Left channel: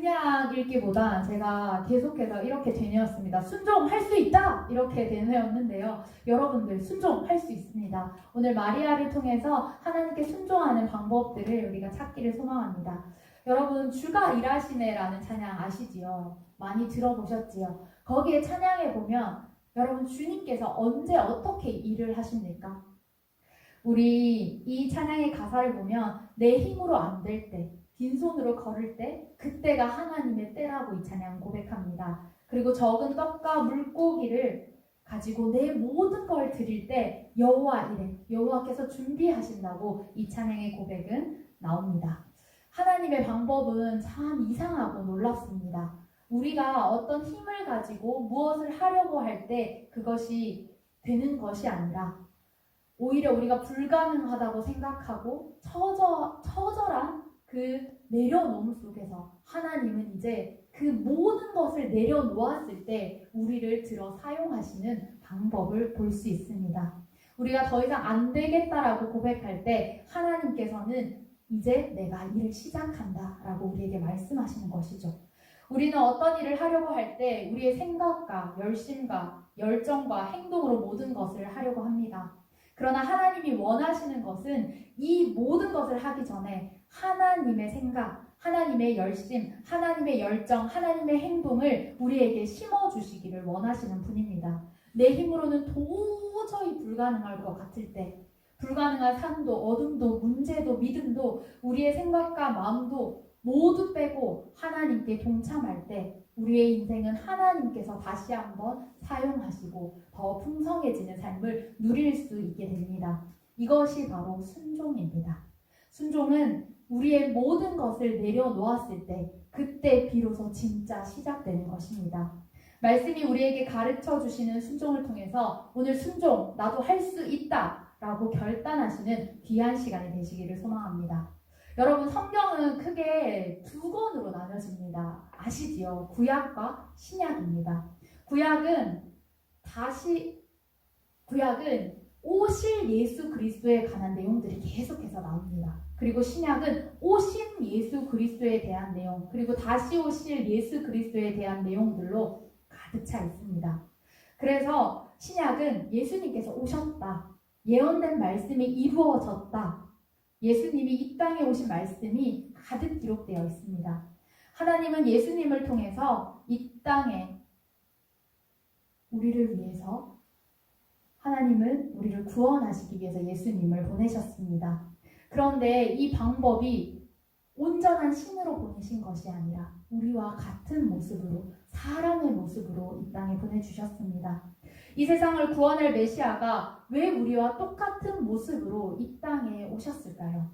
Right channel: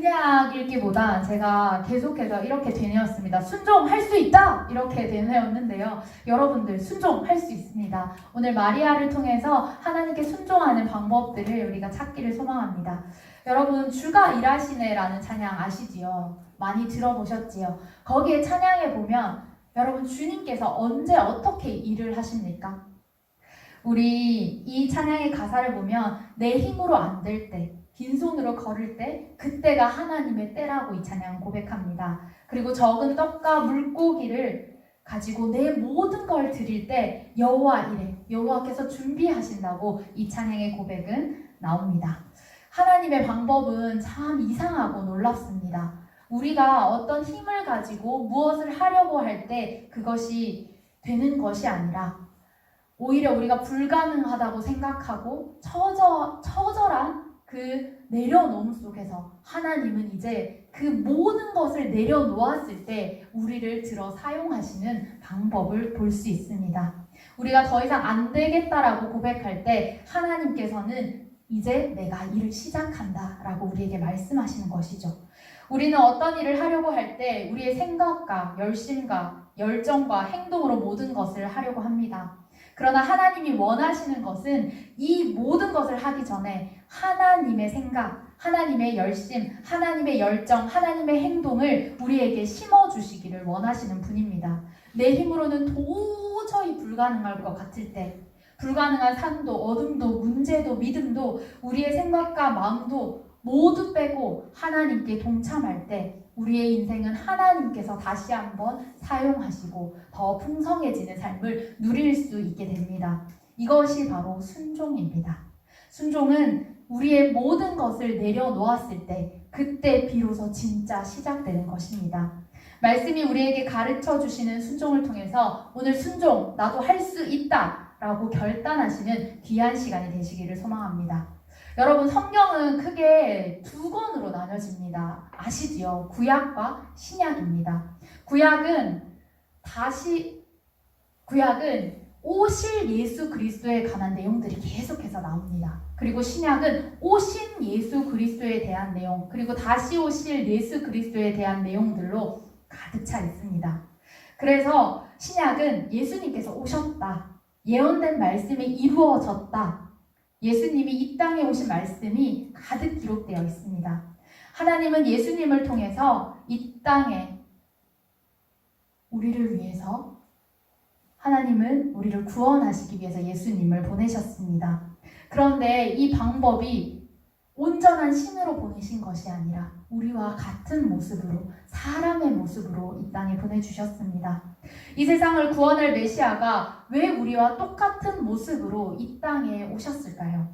그냥 읽기보다 제가 계속해서 이렇게 되뇌었습니다. 순종할 수 있다! 이렇게 되뇌었는데요. 여러분들 순종할 수 있습니다. 오늘 마리아를 통해서 하나님께 순종하는 방법들을 우리가 찾기를 소망합니다. 여러분 주가 일하시네라는 찬양 아시지요? 많이 들어보셨지요? 거기에 찬양에 보면 여러분 주님께서 언제 어떻게 일을 하십니까? 우리 이 찬양의 가사를 보면 내 힘으로 안 될 때, 빈손으로 걸을 때 그때가 하나님의 때라고 이 찬양 고백합니다. 그리고 적은 떡과 물고기를 가지고 내 모든 걸 드릴 때 여호와 이래, 여호와께서 준비하신다고 이 찬양의 고백은 나옵니다. 하나님의 방법은 참 이상하고 놀랍습니다. 우리가 어떤 힘을 가지고 무엇을 하려고 할 때 그것이 되는 것이 아니라 오히려 우리가 불가능하다고 생각하고 처절한 그 내려놓음 속에서 하나님은 이제 그 모든 것을 내려놓았을 때 우리를 들어 사용하시는 방법을 볼 수 있습니다. 우리가 더 이상 안 되겠다라고 고백할 때 하나님께서는 이제 내가 일을 시작한다 라고 우리에게 말씀하시는 것이죠. 우리는 어떤 일을 하려고 할 때 우리의 생각과 열심과 열정과 행동으로 모든 것을 하려고 합니다. 그러나 하나님이 원하시는 것은 이 모든 것을 하기 전에 하나님의 생각, 하나님의 열심, 하나님의 열정, 하나님의 행동을 우리에게 심어주시기를 원하시는 분입니다. 내 힘으로는 도저히 불가능할 것 같을 때, 불가능한 산도, 어둠도, 문제도, 믿음도, 우리의 생각과 마음도 모두 빼고 하나님께 동참할 때 우리의 인생은 하나님께서 다시 한번 사용하시고 더 풍성해지는 삶을 누릴 수 있게 됩니다. 이것이 바로 순종입니다. 순종은 우리의 모든 것을 내려놓았을 때 그때 비로소 진짜 시작되는 것입니다. 말씀이 우리에게 가르쳐 주시는 순종을 통해서 오늘 순종, 나도 할 수 있다 라고 결단하시는 귀한 시간이 되시기를 소망합니다. 여러분 성경은 크게 두 권으로 나눠집니다. 아시지요? 구약과 신약입니다. 구약은 오실 예수 그리스도에 관한 내용들이 계속해서 나옵니다. 그리고 신약은 오신 예수 그리스도에 대한 내용, 그리고 다시 오실 예수 그리스도에 대한 내용들로 가득 차 있습니다. 그래서 신약은 예수님께서 오셨다, 예언된 말씀이 이루어졌다, 예수님이 이 땅에 오신 말씀이 가득 기록되어 있습니다. 하나님은 예수님을 통해서 이 땅에 우리를 위해서, 하나님은 우리를 구원하시기 위해서 예수님을 보내셨습니다. 그런데 이 방법이 온전한 신으로 보내신 것이 아니라 우리와 같은 모습으로, 사람의 모습으로 이 땅에 보내주셨습니다. 이 세상을 구원할 메시아가 왜 우리와 똑같은 모습으로 이 땅에 오셨을까요?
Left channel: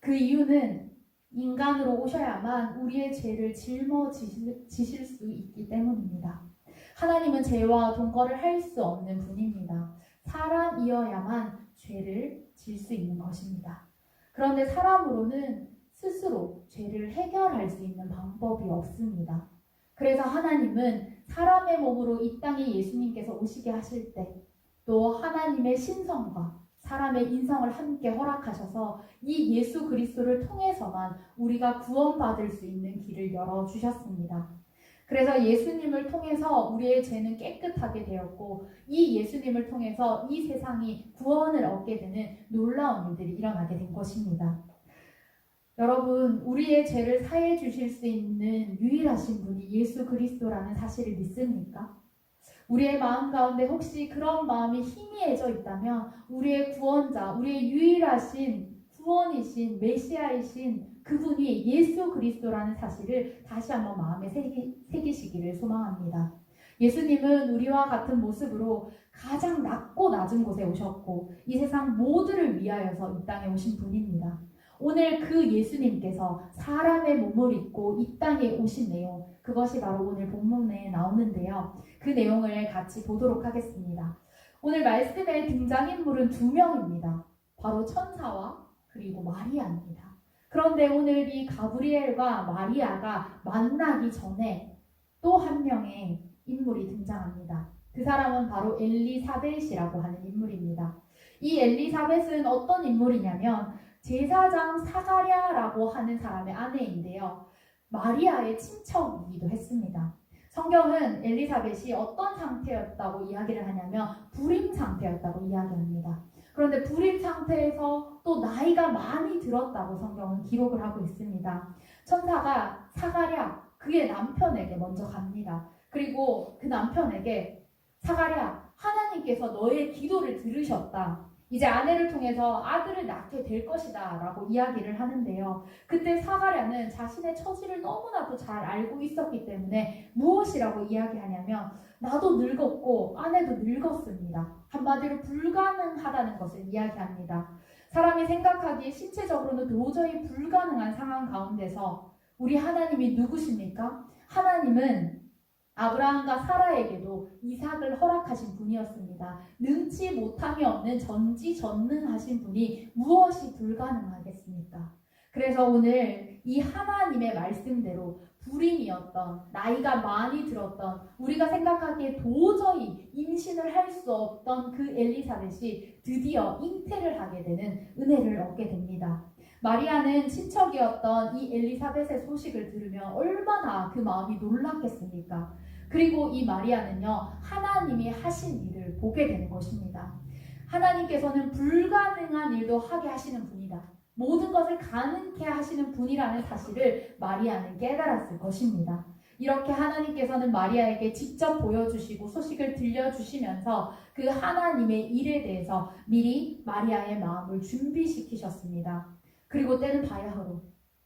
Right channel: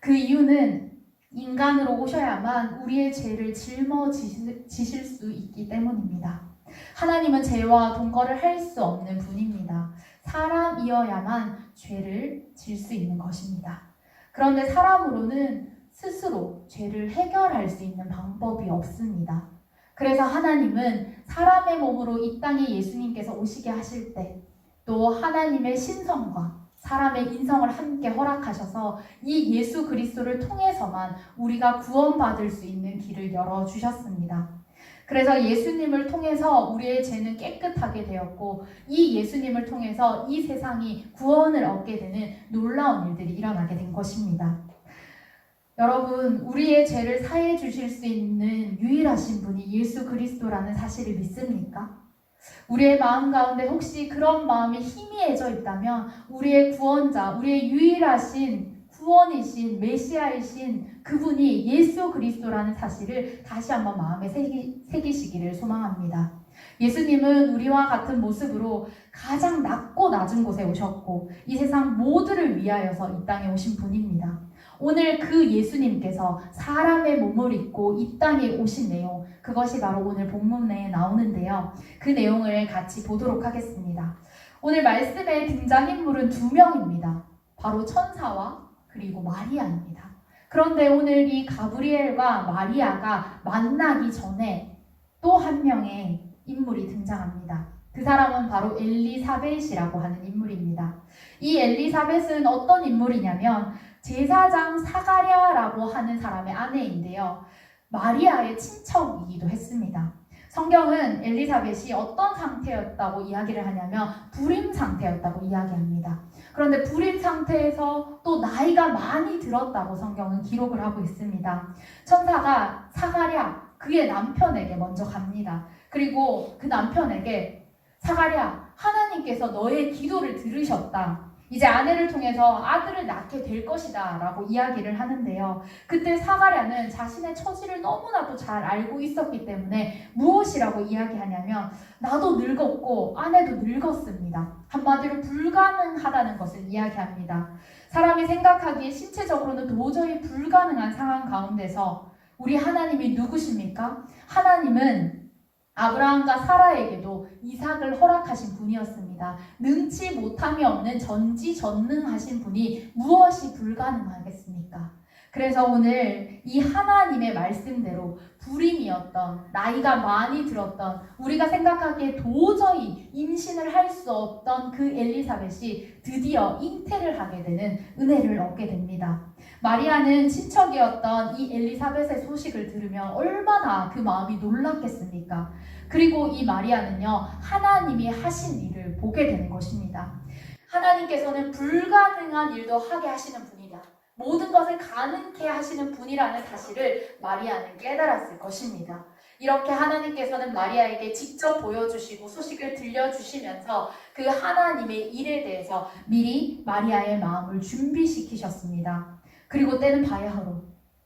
그 이유는 인간으로 오셔야만 우리의 죄를 짊어지실 수 있기 때문입니다. 하나님은 죄와 동거를 할 수 없는 분입니다. 사람이어야만 죄를 질 수 있는 것입니다. 그런데 사람으로는 스스로 죄를 해결할 수 있는 방법이 없습니다. 그래서 하나님은 사람의 몸으로 이 땅에 예수님께서 오시게 하실 때 또 하나님의 신성과 사람의 인성을 함께 허락하셔서 이 예수 그리스도를 통해서만 우리가 구원받을 수 있는 길을 열어주셨습니다. 그래서 예수님을 통해서 우리의 죄는 깨끗하게 되었고 이 예수님을 통해서 이 세상이 구원을 얻게 되는 놀라운 일들이 일어나게 된 것입니다. 여러분, 우리의 죄를 사해 주실 수 있는 유일하신 분이 예수 그리스도라는 사실을 믿습니까? 우리의 마음 가운데 혹시 그런 마음이 희미해져 있다면 우리의 구원자, 우리의 유일하신 구원이신 메시아이신 그분이 예수 그리스도라는 사실을 다시 한번 마음에 새기시기를 소망합니다. 예수님은 우리와 같은 모습으로 가장 낮고 낮은 곳에 오셨고 이 세상 모두를 위하여서 이 땅에 오신 분입니다. 오늘 그 예수님께서 사람의 몸을 입고 이 땅에 오신 내용, 그것이 바로 오늘 본문에 나오는데요. 그 내용을 같이 보도록 하겠습니다. 오늘 말씀의 등장인물은 두 명입니다. 바로 천사와 그리고 마리아입니다. 그런데 오늘 이 가브리엘과 마리아가 만나기 전에 또 한 명의 인물이 등장합니다. 그 사람은 바로 엘리사벳이라고 하는 인물입니다. 이 엘리사벳은 어떤 인물이냐면 제사장 사가랴라고 하는 사람의 아내인데요. 마리아의 친척이기도 했습니다. 성경은 엘리사벳이 어떤 상태였다고 이야기를 하냐면 불임 상태였다고 이야기합니다. 그런데 불임 상태에서 또 나이가 많이 들었다고 성경은 기록을 하고 있습니다. 천사가 사가랴 그의 남편에게 먼저 갑니다. 그리고 그 남편에게 사가랴 하나님께서 너의 기도를 들으셨다. 이제 아내를 통해서 아들을 낳게 될 것이다 라고 이야기를 하는데요. 그때 사가랴는 자신의 처지를 너무나도 잘 알고 있었기 때문에 무엇이라고 이야기하냐면 나도 늙었고 아내도 늙었습니다. 한마디로 불가능하다는 것을 이야기합니다. 사람이 생각하기에 신체적으로는 도저히 불가능한 상황 가운데서 우리 하나님이 누구십니까? 하나님은 아브라함과 사라에게도 이삭을 허락하신 분이었습니다. 능치 못함이 없는 전지전능하신 분이 무엇이 불가능하겠습니까? 그래서 오늘 이 하나님의 말씀대로 불임이었던 나이가 많이 들었던 우리가 생각하기에 도저히 임신을 할 수 없던 그 엘리사벳이 드디어 잉태를 하게 되는 은혜를 얻게 됩니다. 마리아는 친척이었던 이 엘리사벳의 소식을 들으면 얼마나 그 마음이 놀랐겠습니까? 그리고 이 마리아는요, 하나님이 하신 일을 보게 되는 것입니다. 하나님께서는 불가능한 일도 하게 하시는 분이다. 모든 것을 가능케 하시는 분이라는 사실을 마리아는 깨달았을 것입니다. 이렇게 하나님께서는 마리아에게 직접 보여주시고 소식을 들려주시면서 그 하나님의 일에 대해서 미리 마리아의 마음을 준비시키셨습니다. 그리고 때는 바야흐로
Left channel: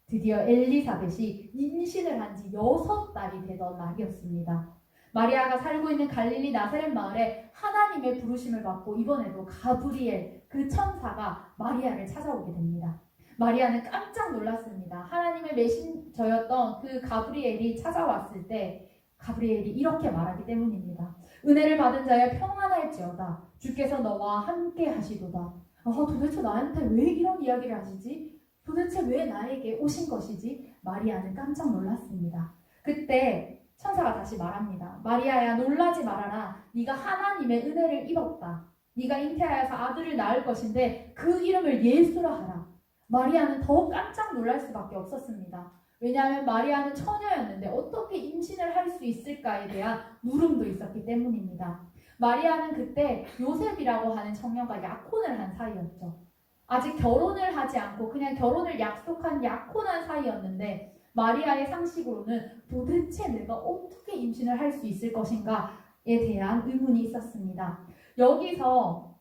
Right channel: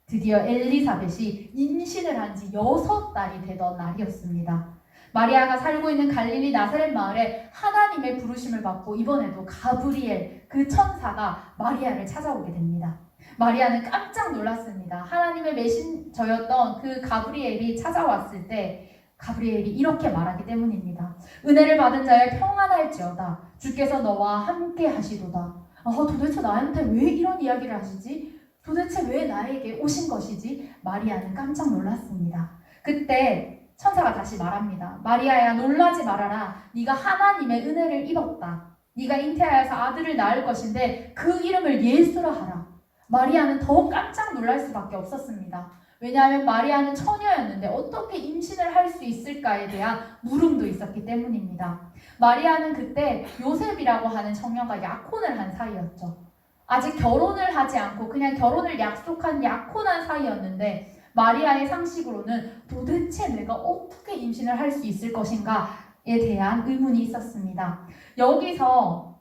드디어 엘리사벳이 임신을 한 지 6달이 되던 날이었습니다. 마리아가 살고 있는 갈릴리 나사렛 마을에 하나님의 부르심을 받고 이번에도 가브리엘 그 천사가 마리아를 찾아오게 됩니다. 마리아는 깜짝 놀랐습니다. 하나님의 메신저였던 그 가브리엘이 찾아왔을 때 가브리엘이 이렇게 말하기 때문입니다. 은혜를 받은 자의 평안할지어다. 주께서 너와 함께 하시도다. 도대체 나한테 왜 이런 이야기를 하시지? 도대체 왜 나에게 오신 것이지? 마리아는 깜짝 놀랐습니다. 그때 천사가 다시 말합니다. 마리아야 놀라지 말아라. 네가 하나님의 은혜를 입었다. 네가 잉태하여서 아들을 낳을 것인데 그 이름을 예수라 하라. 마리아는 더 깜짝 놀랄 수밖에 없었습니다. 왜냐하면 마리아는 처녀였는데 어떻게 임신을 할 수 있을까에 대한 물음도 있었기 때문입니다. 마리아는 그때 요셉이라고 하는 청년과 약혼을 한 사이였죠. 아직 결혼을 하지 않고 그냥 결혼을 약속한 약혼한 사이였는데 마리아의 상식으로는 도대체 내가 어떻게 임신을 할 수 있을 것인가에 대한 의문이 있었습니다. 여기서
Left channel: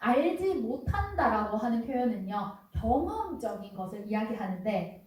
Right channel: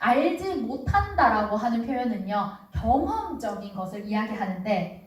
알지 못한다라고 하는 표현은요, 경험적인 것을 이야기하는데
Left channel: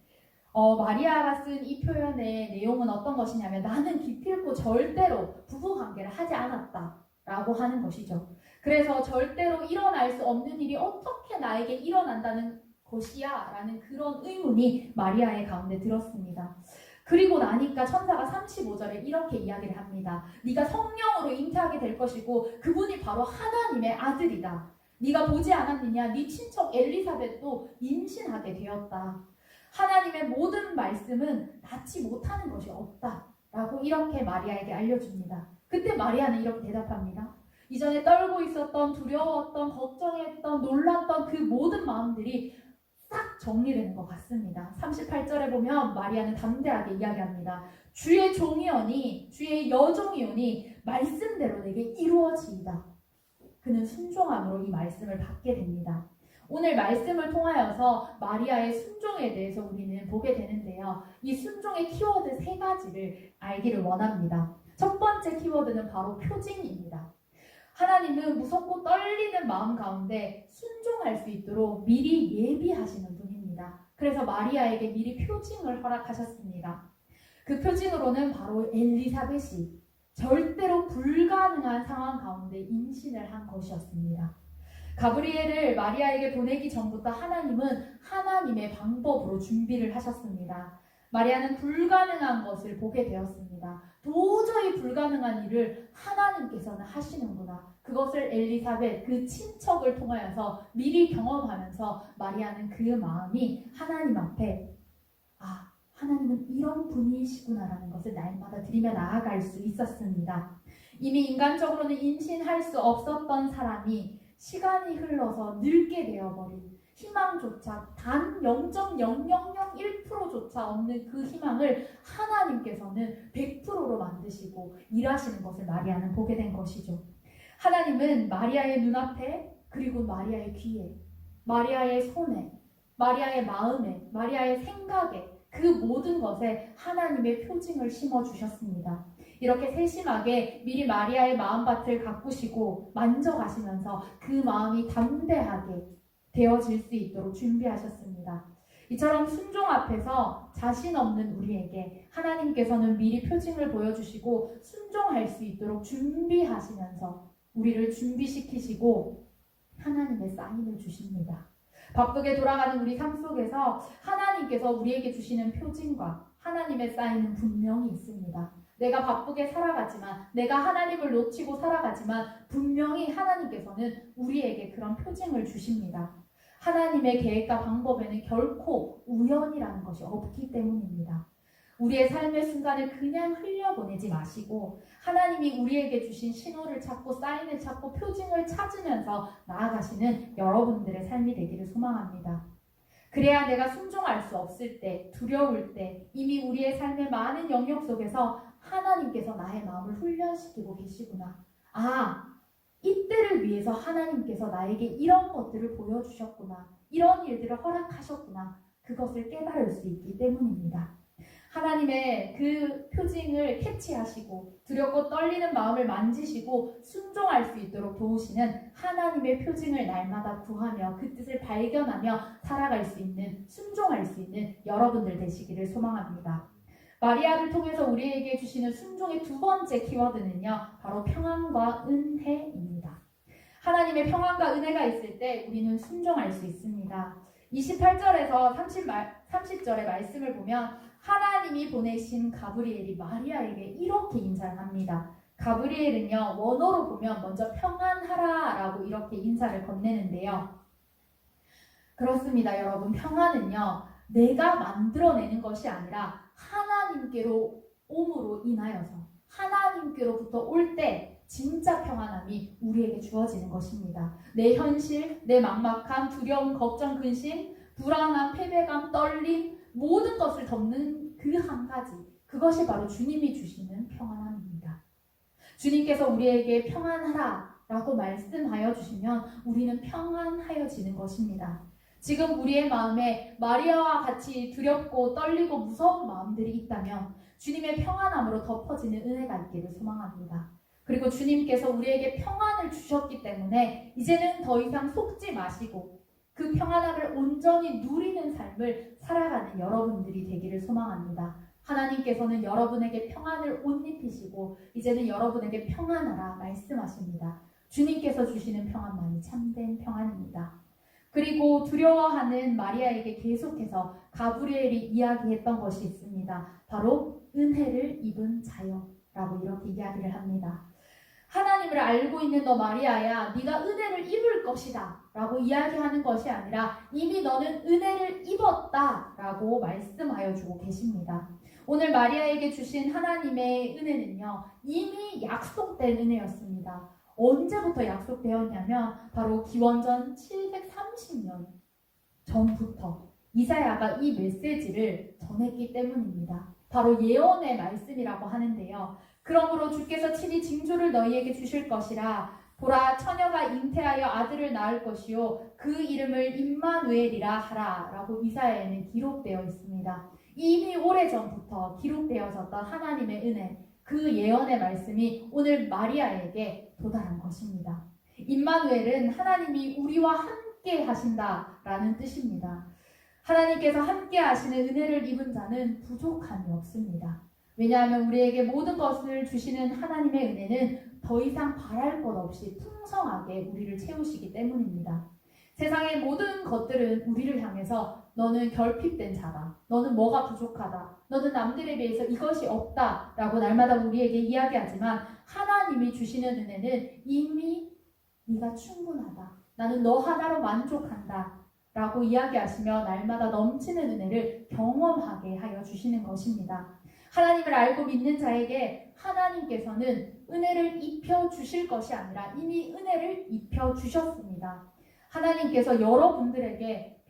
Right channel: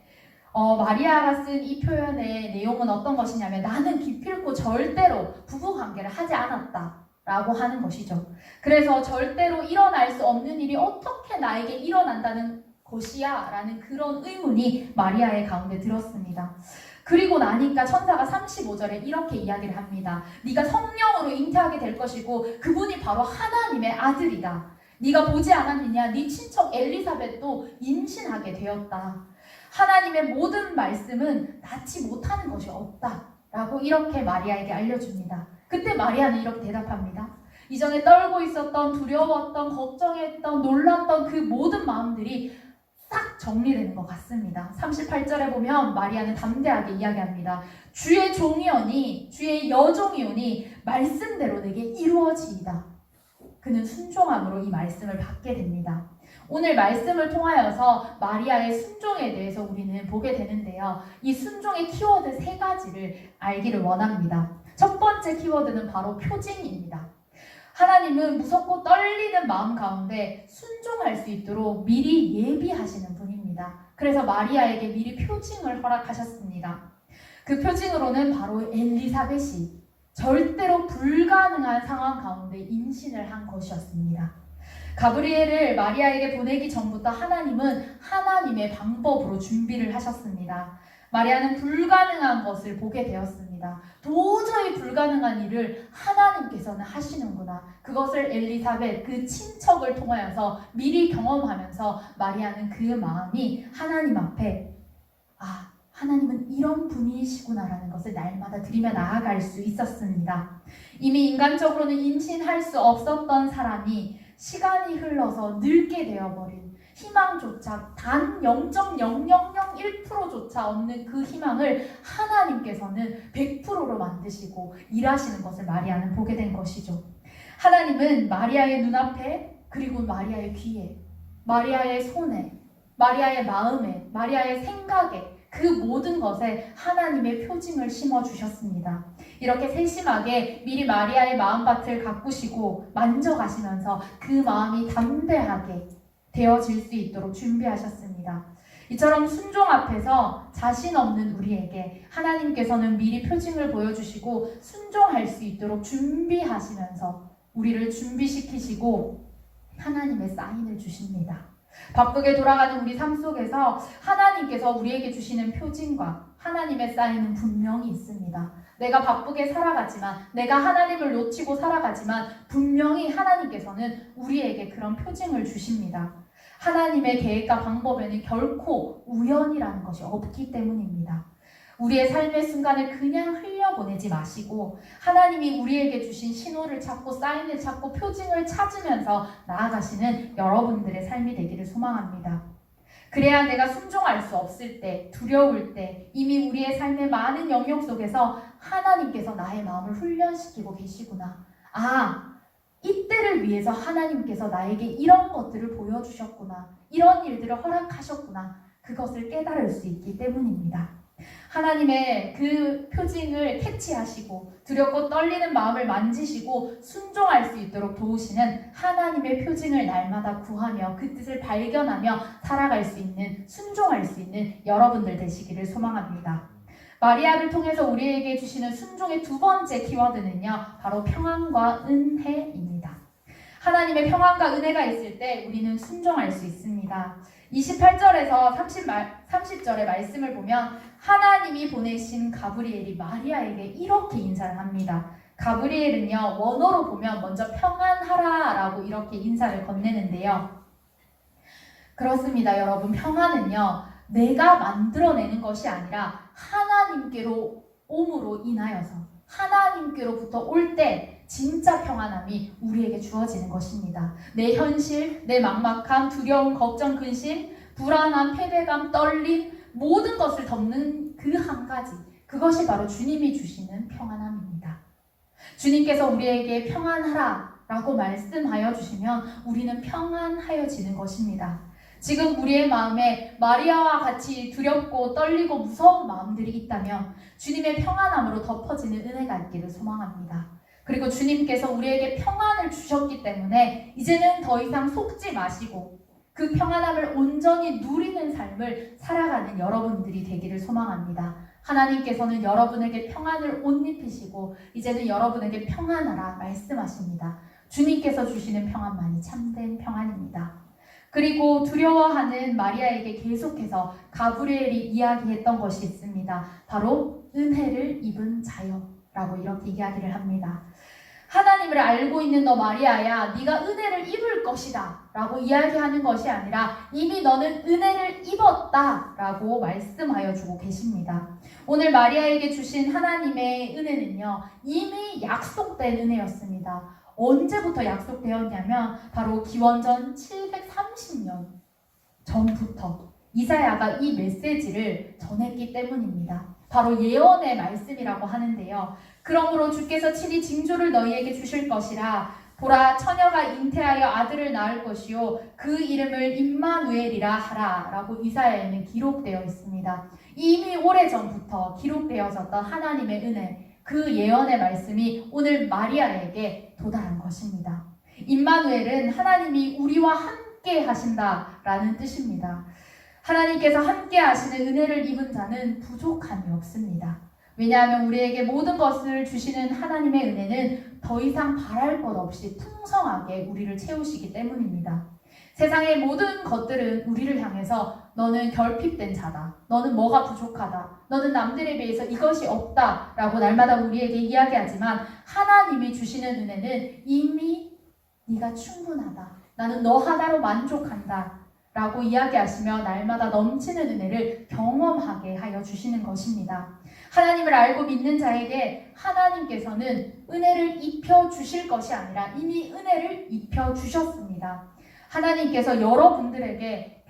마리아가 쓴 이 표현의 내용은 어떤 것이냐면 나는 기필코 절대로 부부관계를 하지 않았다 라고 하는 것이죠. 그래서 절대로 일어날 수 없는 일이 어떻게 나에게 일어난다는 것이야 라는 그런 의문이 마리아의 가운데 들었습니다. 그리고 나니까 천사가 35절에 이렇게 이야기를 합니다. 네가 성령으로 잉태하게 될 것이고 그분이 바로 하나님의 아들이다. 네가 보지 않았느냐? 네 친척 엘리사벳도 임신하게 되었다. 하나님의 모든 말씀은 낳지 못하는 것이 없다 라고 이렇게 마리아에게 알려줍니다. 그때 마리아는 이렇게 대답합니다. 이전에 떨고 있었던 두려웠던 걱정했던 놀랐던 그 모든 마음들이 싹 정리되는 것 같습니다. 38절에 보면 마리아는 담대하게 이야기합니다. 주의 종이오니 주의 여종이오니 말씀대로 내게 이루어지이다. 그는 순종함으로 이 말씀을 받게 됩니다. 오늘 말씀을 통하여서 마리아의 순종에 대해서 우리는 보게 되는데요. 이 순종의 키워드 3가지를 알기를 원합니다. 첫 번째 키워드는 바로 표징입니다. 하나님은 무섭고 떨리는 마음 가운데 순종할 수 있도록 미리 예비하시는 분입니다. 그래서 마리아에게 미리 표징을 허락하셨습니다. 그 표징으로는 바로 엘리사벳이 절대로 불가능한 상황 가운데 임신을 한 것이었습니다. 가브리엘을 마리아에게 보내기 전부터 하나님은 하나님의 방법으로 준비를 하셨습니다. 마리아는 불가능한 것을 보게 되었습니다. 도저히 불가능한 일을 하나님께서는 하시는구나. 그것을 엘리사벳 그 친척을 통하여서 미리 경험하면서 마리아는 그 마음이 하나님 앞에 하나님은 이런 분이시구나라는 것을 날마다 드리며 나아갈 수 있었습니다. 이미 인간적으로는 임신할 수 없었던 사람이 시간이 흘러서 늙게 되어버린 희망 희망조차 단 0.0001%조차 없는 그 희망을 하나님께서는 100%로 만드시고 일하시는 것을 마리아는 보게 된 것이죠. 하나님은 마리아의 눈앞에, 그리고 마리아의 귀에, 마리아의 손에, 마리아의 마음에, 마리아의 생각에, 그 모든 것에 하나님의 표징을 심어주셨습니다. 이렇게 세심하게 미리 마리아의 마음밭을 가꾸시고 만져가시면서 그 마음이 담대하게 되어질 수 있도록 준비하셨습니다. 이처럼 순종 앞에서 자신 없는 우리에게 하나님께서는 미리 표징을 보여주시고 순종할 수 있도록 준비하시면서 우리를 준비시키시고 하나님의 사인을 주십니다. 바쁘게 돌아가는 우리 삶 속에서 하나님께서 우리에게 주시는 표징과 하나님의 사인은 분명히 있습니다. 내가 바쁘게 살아가지만, 내가 하나님을 놓치고 살아가지만 분명히 하나님께서는 우리에게 그런 표징을 주십니다. 하나님의 계획과 방법에는 결코 우연이라는 것이 없기 때문입니다. 우리의 삶의 순간을 그냥 흘려보내지 마시고 하나님이 우리에게 주신 신호를 찾고 사인을 찾고 표징을 찾으면서 나아가시는 여러분들의 삶이 되기를 소망합니다. 그래야 내가 순종할 수 없을 때, 두려울 때, 이미 우리의 삶의 많은 영역 속에서 하나님께서 나의 마음을 훈련시키고 계시구나. 이때를 위해서 하나님께서 나에게 이런 것들을 보여주셨구나. 이런 일들을 허락하셨구나. 그것을 깨달을 수 있기 때문입니다. 하나님의 그 표징을 캐치하시고 두렵고 떨리는 마음을 만지시고 순종할 수 있도록 도우시는 하나님의 표징을 날마다 구하며 그 뜻을 발견하며 살아갈 수 있는, 순종할 수 있는 여러분들 되시기를 소망합니다. 마리아를 통해서 우리에게 주시는 순종의 두 번째 키워드는요, 바로 평안과 은혜입니다. 하나님의 평안과 은혜가 있을 때 우리는 순종할 수 있습니다. 28절에서 30절의 말씀을 보면 하나님이 보내신 가브리엘이 마리아에게 이렇게 인사를 합니다. 가브리엘은요, 원어로 보면 먼저 평안하라 라고 이렇게 인사를 건네는데요. 그렇습니다, 여러분. 평안은요, 내가 만들어내는 것이 아니라 하나님께로 옴으로 인하여서 하나님께로부터 올 때 진짜 평안함이 우리에게 주어지는 것입니다. 내 현실, 내 막막함, 두려움, 걱정, 근심, 불안함, 패배감, 떨림, 모든 것을 덮는 그 한 가지, 그것이 바로 주님이 주시는 평안함입니다. 주님께서 우리에게 평안하라 라고 말씀하여 주시면 우리는 평안하여지는 것입니다. 지금 우리의 마음에 마리아와 같이 두렵고 떨리고 무서운 마음들이 있다면 주님의 평안함으로 덮어지는 은혜가 있기를 소망합니다. 그리고 주님께서 우리에게 평안을 주셨기 때문에 이제는 더 이상 속지 마시고 그 평안함을 온전히 누리는 삶을 살아가는 여러분들이 되기를 소망합니다. 하나님께서는 여러분에게 평안을 옷 입히시고 이제는 여러분에게 평안하라 말씀하십니다. 주님께서 주시는 평안만이 참된 평안입니다. 그리고 두려워하는 마리아에게 계속해서 가브리엘이 이야기했던 것이 있습니다. 바로 은혜를 입은 자여라고 이렇게 이야기를 합니다. 하나님을 알고 있는 너 마리아야, 네가 은혜를 입을 것이다 라고 이야기하는 것이 아니라 이미 너는 은혜를 입었다 라고 말씀하여 주고 계십니다. 오늘 마리아에게 주신 하나님의 은혜는요, 이미 약속된 은혜였습니다. 언제부터 약속되었냐면 바로 기원전 730년 전부터 이사야가 이 메시지를 전했기 때문입니다. 바로 예언의 말씀이라고 하는데요. 그러므로 주께서 친히 징조를 너희에게 주실 것이라. 보라, 처녀가 잉태하여 아들을 낳을 것이요 그 이름을 임마누엘이라 하라 라고 이사야에는 기록되어 있습니다. 이미 오래전부터 기록되어졌던 하나님의 은혜, 그 예언의 말씀이 오늘 마리아에게 도달한 것입니다. 임마누엘은 하나님이 우리와 함께 하신다라는 뜻입니다. 하나님께서 함께 하시는 은혜를 입은 자는 부족함이 없습니다. 왜냐하면 우리에게 모든 것을 주시는 하나님의 은혜는 더 이상 바랄 것 없이 풍성하게 우리를 채우시기 때문입니다. 세상의 모든 것들은 우리를 향해서 너는 결핍된 자다, 너는 뭐가 부족하다, 너는 남들에 비해서 이것이 없다 라고 날마다 우리에게 이야기하지만 하나님이 주시는 은혜는 이미 네가 충분하다, 나는 너 하나로 만족한다 라고 이야기하시며 날마다 넘치는 은혜를 경험하게 하여 주시는 것입니다. 하나님을 알고 믿는 자에게 하나님께서는 은혜를 입혀주실 것이 아니라 이미 은혜를 입혀주셨습니다. 하나님께서 여러분들에게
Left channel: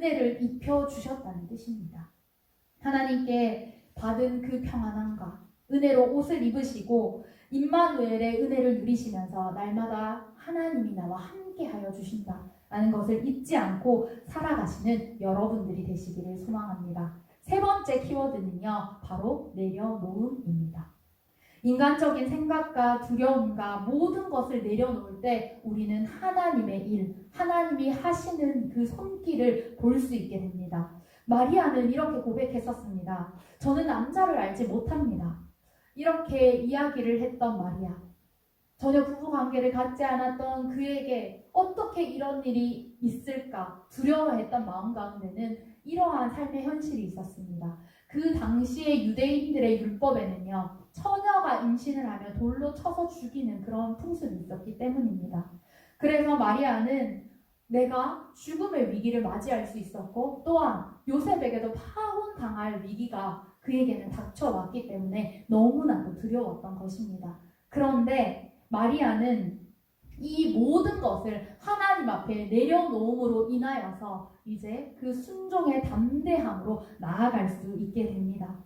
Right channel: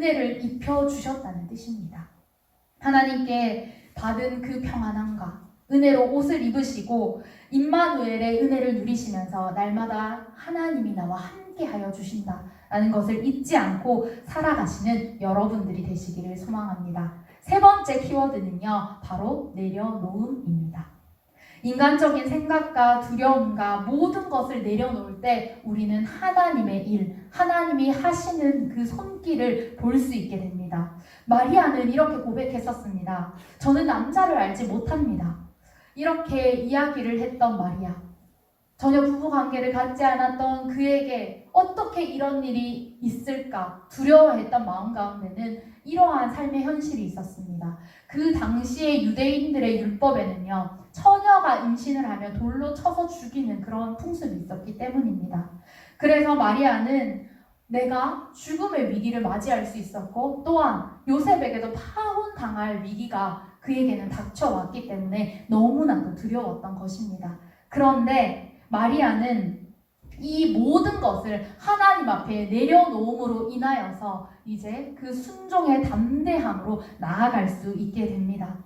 은혜를 입혀주셨다는 뜻입니다. 하나님께 받은 그 평안함과 은혜로 옷을 입으시고 임마누엘의 은혜를 누리시면서 날마다 하나님이 나와 함께하여 주신다라는 것을 잊지 않고 살아가시는 여러분들이 되시기를 소망합니다. 세 번째 키워드는요, 바로 내려놓음입니다. 인간적인 생각과 두려움과 모든 것을 내려놓을 때 우리는 하나님의 일, 하나님이 하시는 그 손길을 볼 수 있게 됩니다. 마리아는 이렇게 고백했었습니다. 저는 남자를 알지 못합니다. 이렇게 이야기를 했던 마리아. 전혀 부부관계를 갖지 않았던 그에게 어떻게 이런 일이 있을까 두려워했던 마음 가운데는 이러한 삶의 현실이 있었습니다. 그 당시에 유대인들의 율법에는요, 처녀가 임신을 하면 돌로 쳐서 죽이는 그런 풍습이 있었기 때문입니다. 그래서 마리아는 내가 죽음의 위기를 맞이할 수 있었고 또한 요셉에게도 파혼당할 위기가 그에게는 닥쳐왔기 때문에 너무나도 두려웠던 것입니다. 그런데 마리아는 이 모든 것을 하나님 앞에 내려놓음으로 인하여서 이제 그 순종의 담대함으로 나아갈 수 있게 됩니다.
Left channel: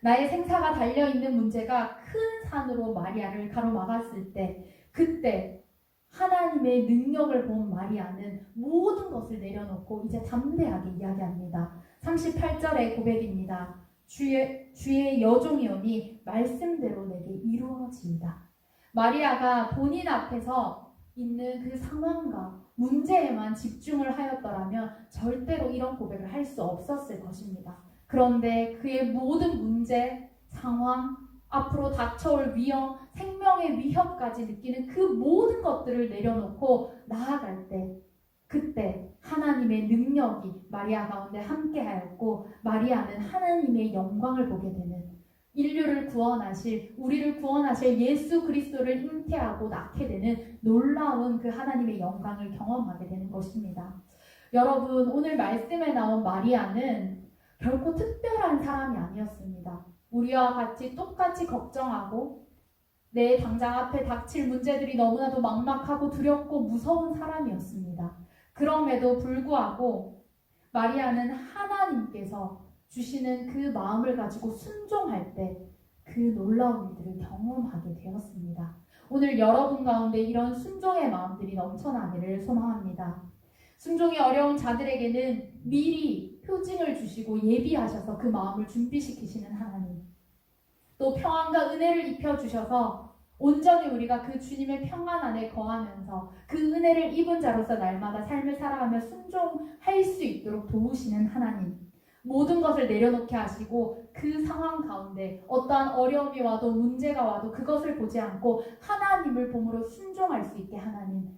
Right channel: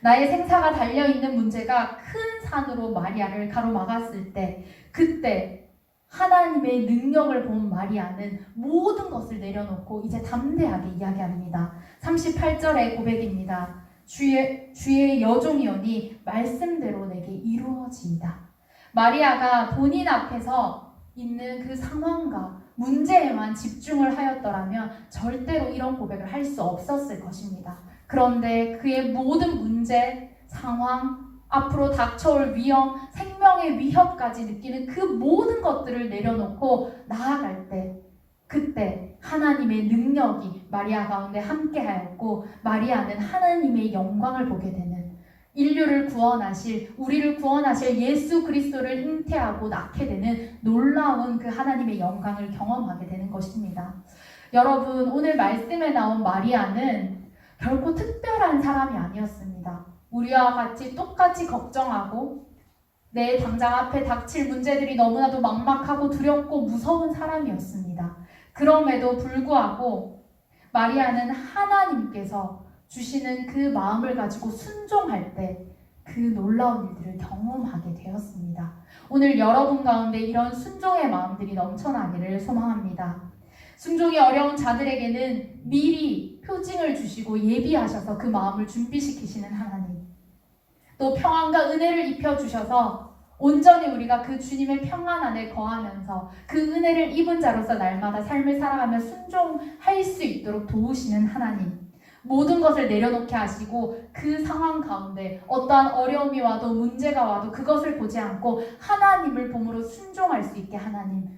나의 생사가 달려있는 문제가 큰 산으로 마리아를 가로막았을 때 그때 하나님의 능력을 본 마리아는 모든 것을 내려놓고 이제 담대하게 이야기합니다. 38절의 고백입니다. 주의 여종이오니 말씀대로 내게 이루어지이다. 마리아가 본인 앞에서 있는 그 상황과 문제에만 집중을 하였더라면 절대로 이런 고백을 할 수 없었을 것입니다. 그런데 그의 모든 문제, 상황, 앞으로 닥쳐올 위험, 생명의 위협까지 느끼는 그 모든 것들을 내려놓고 나아갈 때 그때 하나님의 능력이 마리아 가운데 함께하였고 마리아는 하나님의 영광을 보게 되는 인류를 구원하실, 우리를 구원하실 예수 그리스도를 잉태하고 낳게 되는 놀라운 그 하나님의 영광을 경험하게 되는 것입니다. 여러분, 오늘 말씀에 나온 마리아는 결코 특별한 사람이 아니었습니다. 우리와 같이 똑같이 걱정하고 내 당장 앞에 닥칠 문제들이 너무나도 막막하고 두렵고 무서운 사람이었습니다. 그럼에도 불구하고 마리아는 하나님께서 주시는 그 마음을 가지고 순종할 때 그 놀라운 일들을 경험하게 되었습니다. 오늘 여러분 가운데 이런 순종의 마음들이 넘쳐나기를 소망합니다. 순종이 어려운 자들에게는 미리 표징을 주시고 예비하셔서 그 마음을 준비시키시는 하나님, 또 평안과 은혜를 입혀주셔서 온전히 우리가 그 주님의 평안 안에 거하면서 그 은혜를 입은 자로서 날마다 삶을 살아가며 순종할 수 있도록 도우시는 하나님, 모든 것을 내려놓게 하시고 그 상황 가운데 어떠한 어려움이 와도 문제가 와도 그것을 보지 않고 하나님을 봄으로 순종할 수 있게 하는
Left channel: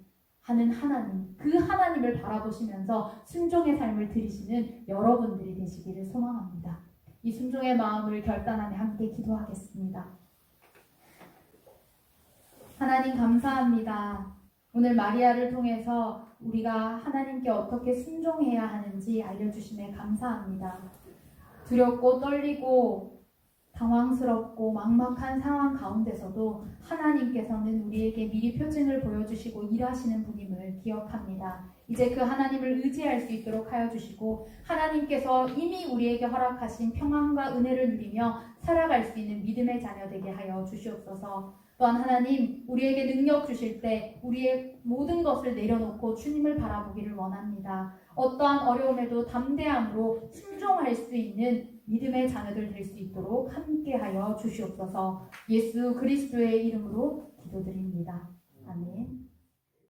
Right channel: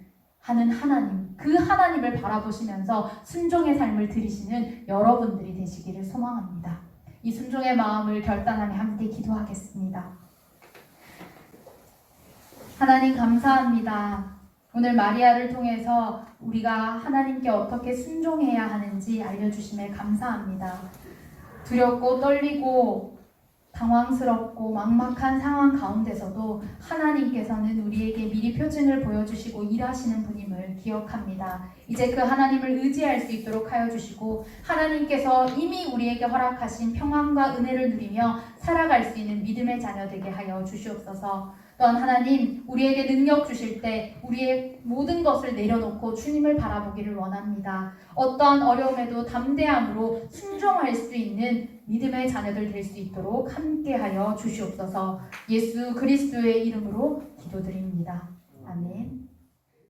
하나님, 그 하나님을 바라보시면서 순종의 삶을 들이시는 여러분들이 되시기를 소망합니다. 이 순종의 마음을 결단하며 함께 기도하겠습니다. 하나님 감사합니다. 오늘 마리아를 통해서 우리가 하나님께 어떻게 순종해야 하는지 알려주심에 감사합니다. 두렵고 떨리고 당황스럽고 막막한 상황 가운데서도 하나님께서는 우리에게 미리 표징을 보여주시고 일하시는 분임을 기억합니다. 이제 그 하나님을 의지할 수 있도록 하여 주시고 하나님께서 이미 우리에게 허락하신 평안과 은혜를 누리며 살아갈 수 있는 믿음의 자녀 되게 하여 주시옵소서. 또한 하나님, 우리에게 능력 주실 때 우리의 모든 것을 내려놓고 주님을 바라보기를 원합니다. 어떠한 어려움에도 담대함으로 순종할 수 있는 믿음의 자녀들 될 수 있도록 함께하여 주시옵소서. 예수 그리스도의 이름으로 기도드립니다. 아멘.